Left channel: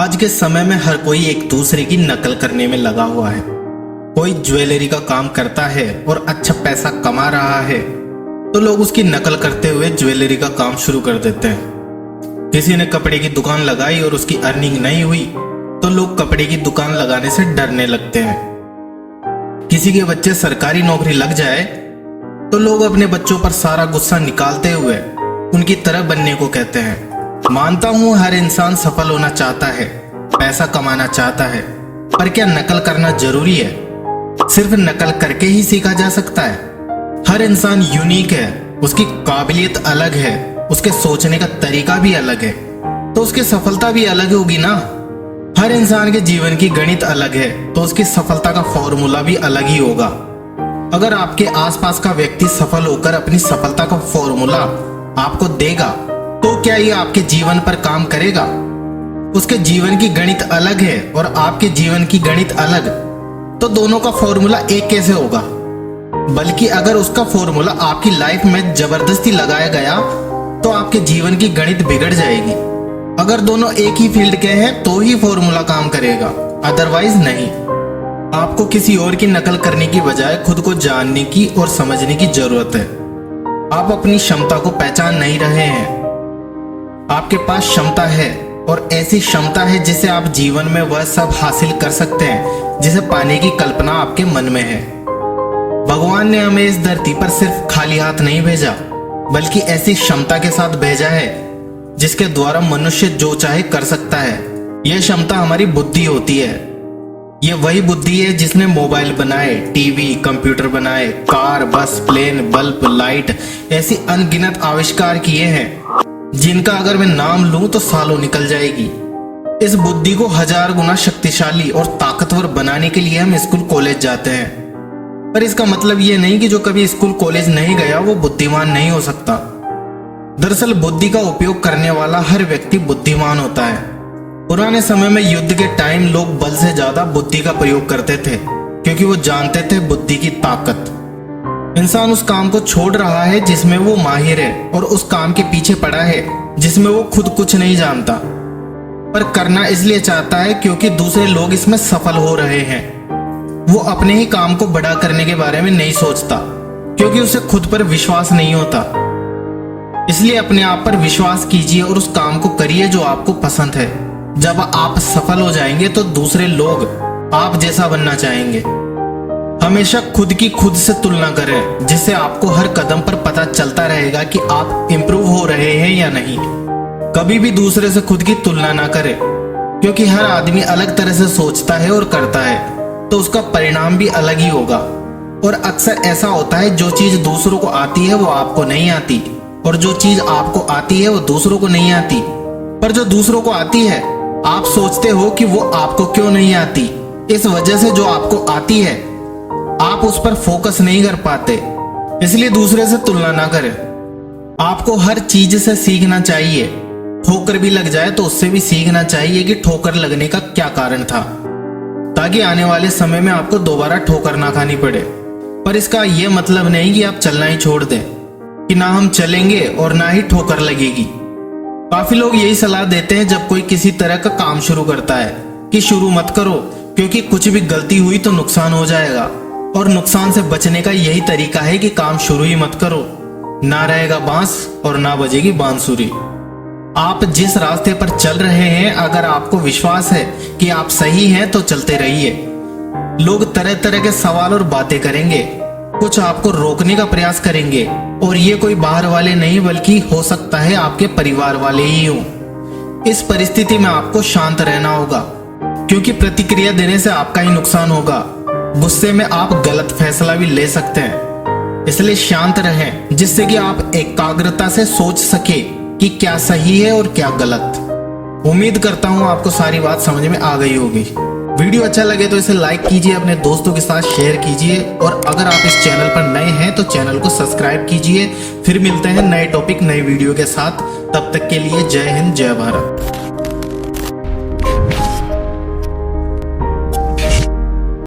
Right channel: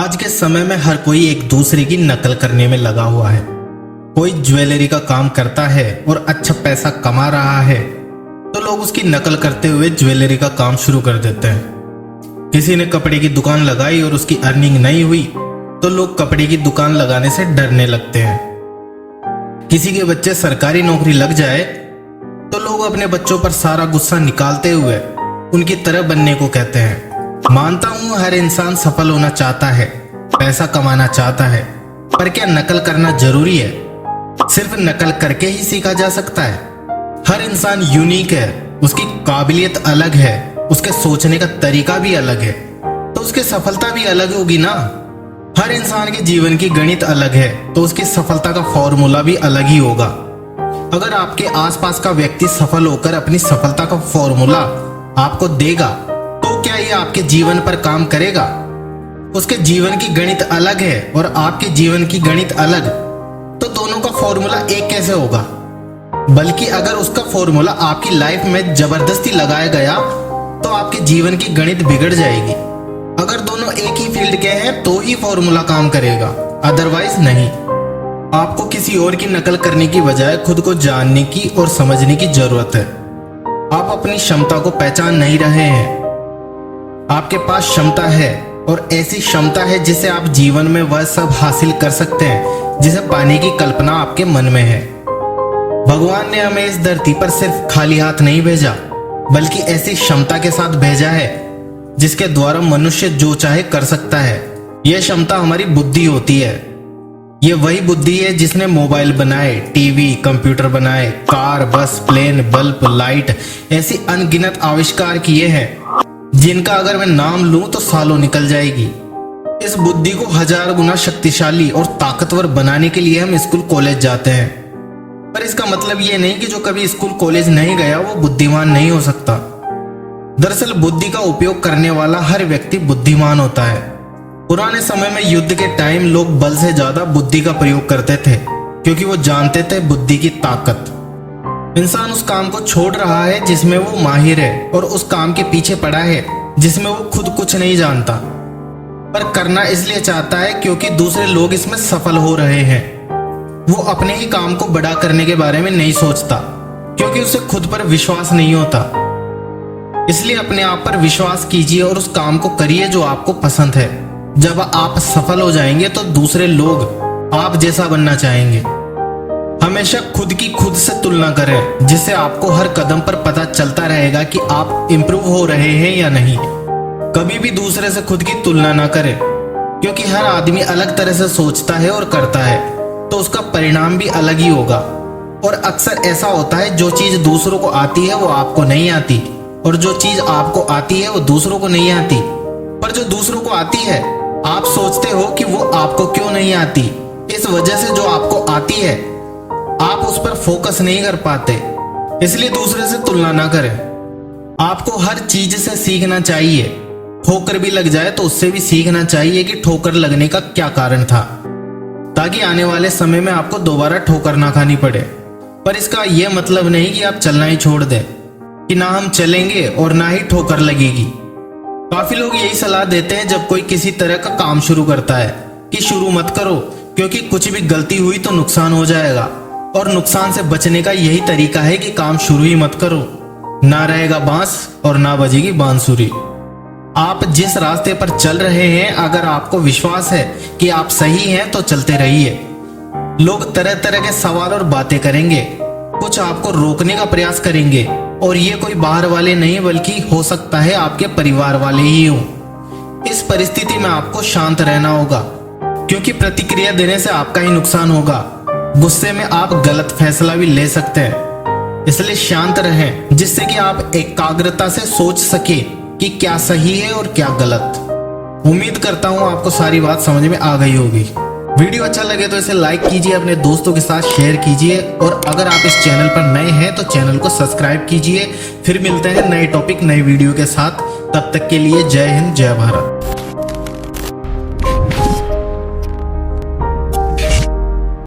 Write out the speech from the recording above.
आज के समय में हर कोई एक दूसरे की नकल करने में लगा हुआ है। कोई ज्वेलरी का काम करता है और अच्छा पैसा कमा रहा है तो लोग उसकी नकल करते हुए ज्वेलरी का काम शुरू कर देते हैं। किसी ने कपड़े की दुकान लगाई और उसकी अर्निंग नहीं हुई तो लोग कपड़े की दुकान लगाने से डरने लगते हैं। किसी के बच्चे सरकारी नौकरी लग जाए तो लोग अपने बच्चों पर सारा गुस्सा निकालते हुए उनकी तरह बनने को कहते हैं। मानता हूं हर इंसान सफल होना चाहता है, पैसा कमाना चाहता है, पर क्या नकल करना जरूरी है? सिर्फ नकल करके ही सीखा जा सकता है? हर इंसान यूनिक है, उसकी काबिलियत अलग है, उसके सोचने का तरीका भी अलग है, तो उसकी सफलता भी अलग होगी ना। हर इंसान के जीवन की गणित अलग है तो उसकी सफलता का फॉर्मूला भी अलग ही होगा। अगर आपके आसपास का व्यक्ति सफल होकर अपनी सफलता का फॉर्मूला आपको देगा तो क्या ये आपके जीवन पर काम करेगा? उसके जीवन की गणित अलग है और आपके जीवन की गणित अलग, तो दोनों का फॉर्मूला एक कैसे होगा? बल्कि अगर उसका फॉर्मूला आपकी लाइफ में जबरदस्ती लगाया गया तो आपके जीवन की गणित बिगड़ जाएगी। अगर दोनों एक ही फील्ड के हैं तो ही फॉर्मूला काम करेगा, अदरवाइज नहीं। आपको किसी और की नकल करने की बजाय खुद को जानने की और समझने की जरूरत है। आप अपनी क्षमता को पहचान नहीं रहे हैं। आपके पास क्षमता है और ऐसी क्षमता है जिससे आप जीवन में वह सब हासिल कर सकते हैं जिसे पाने की कल्पना आपके मन में है। भगवान ने हमें इस धरती पर सिर्फ खाली हाथ नहीं भेजा, बल्कि ऐसी क्षमता के साथ भेजा है जिसके द्वारा मनुष्य जो चाहे कर सकता है। यह क्षमता हमारी बुद्धि होती है। ये वही बुद्धि है जिसने मोबाइल बनाए, टीवी, कंप्यूटर बनाए, कार, बस, प्लेन, बल्ब, लाइट, ऐसी अनगिनत आविष्कार किए हैं जिनका अगर मैं नाम लूं तो सालों निकल जाएगी। इस बुद्धि को 1000 गुना शक्तिशाली और ताकतवर बनाने के लिए हम स्कूल कॉलेज जाते हैं, पर इसका मतलब ये नहीं कि जो कभी स्कूल कॉलेज नहीं गया वो बुद्धिमान नहीं हो सकता। दरअसल बुद्धि का उपयोग करने वाला हर व्यक्ति बुद्धिमान होता है। पुराने समय में युद्ध के टाइम लोग बल से ज्यादा बुद्धि का प्रयोग करते थे क्योंकि वो जानते थे बुद्धि की ताकत। इंसान उस काम को छोड़ रहा है जिसमें वो माहिर है और उस काम के पीछे पड़ा है जिसमें वो खुद कुछ नहीं जानता, पर करना इसलिए चाहता है क्योंकि दूसरे लोग इसमें सफल हो रहे हैं। वो अपने ही काम को बड़ा करने के बारे में नहीं सोचता क्योंकि उसे खुद पर विश्वास नहीं होता। इसलिए अपने आप पर विश्वास कीजिए और उस काम को करिए जो आपको पसंद है। जब आप सफल हो जाएंगे तो दूसरे लोग आप जैसा बनना चाहेंगे। हमेशा खुद की खुद से तुलना करें जिससे आपको हर कदम पर पता चलता रहेगा कि आप इंप्रूव हो रहे हैं या नहीं। कभी भी दूसरे से खुद की तुलना ना करें क्योंकि हर आदमी अलग तरह से सोचता है और करता है तो उसका परिणाम भी अलग ही होगा। और अक्सर ऐसा होता है जो चीज दूसरों को आती है वो आपको नहीं आती, और जो चीज आपको आती है वो दूसरों को नहीं आती। पर जो दूसरों को आती है आप सोचते हो कि वो आपको क्यों नहीं आती। इस वजह से जो आपको आती है आप उस पर फोकस नहीं कर पाते। इसलिए दूसरे से तुलना ना करें। आपको हर चीज से सीखना चाहिए। ठोकर भी लग जाए तो उससे भी सीखना चाहिए कि ठोकर लगने का क्या कारण था, ताकि आने वाले समय में आपको दोबारा ठोकर ना खानी पड़े। पर इसका यह मतलब नहीं कि आप चलना ही छोड़ दें, कि ना हम चलेंगे और ना ही ठोकर लगेगी। काफी लोग यही सलाह देते हैं जब कोई किसी तरह का काम शुरू करता है कि शुरू मत करो क्योंकि कुछ भी गलती हुई तो नुकसान हो जाएगा, और नुकसान से बचने का यही तरीका है कि काम शुरू ही मत करो। ना रहेगा बांस और ना बजेगी बांसुरी। आप जिस रास्ते पर चल रहे हैं अगर आपको विश्वास है कि आप सही हैं तो चलते रहिए। लोग तरह तरह के सवाल और बातें करेंगे, कुछ आपको रोकने का प्रयास करेंगे, और ये कोई बाहर वाले नहीं बल्कि हो सकता है आपके परिवार वाले ही हों। इस परिस्थिति में आपको शांत रहना होगा क्योंकि प्रतिक्रिया देने से आपका ही नुकसान होगा। गुस्से में आप गलत फैसला भी ले सकते हैं, इसलिए शांत रहें जिससे कि आप एकाग्रता से सोच सके कि क्या सही है और क्या गलत। उम्मीद करता हूं आपको सारी बात समझ में आ गई होगी। वीडियो अच्छा लगे तो इसे लाइक कीजिए, अपने दोस्तों के साथ शेयर कीजिए, और अगर आप इस चैनल पर नए हैं तो चैनल को सब्सक्राइब कीजिए। फिर मिलते हैं नए टॉपिक नई वीडियो के साथ। तब तक के लिए जय हिंद, जय भारत।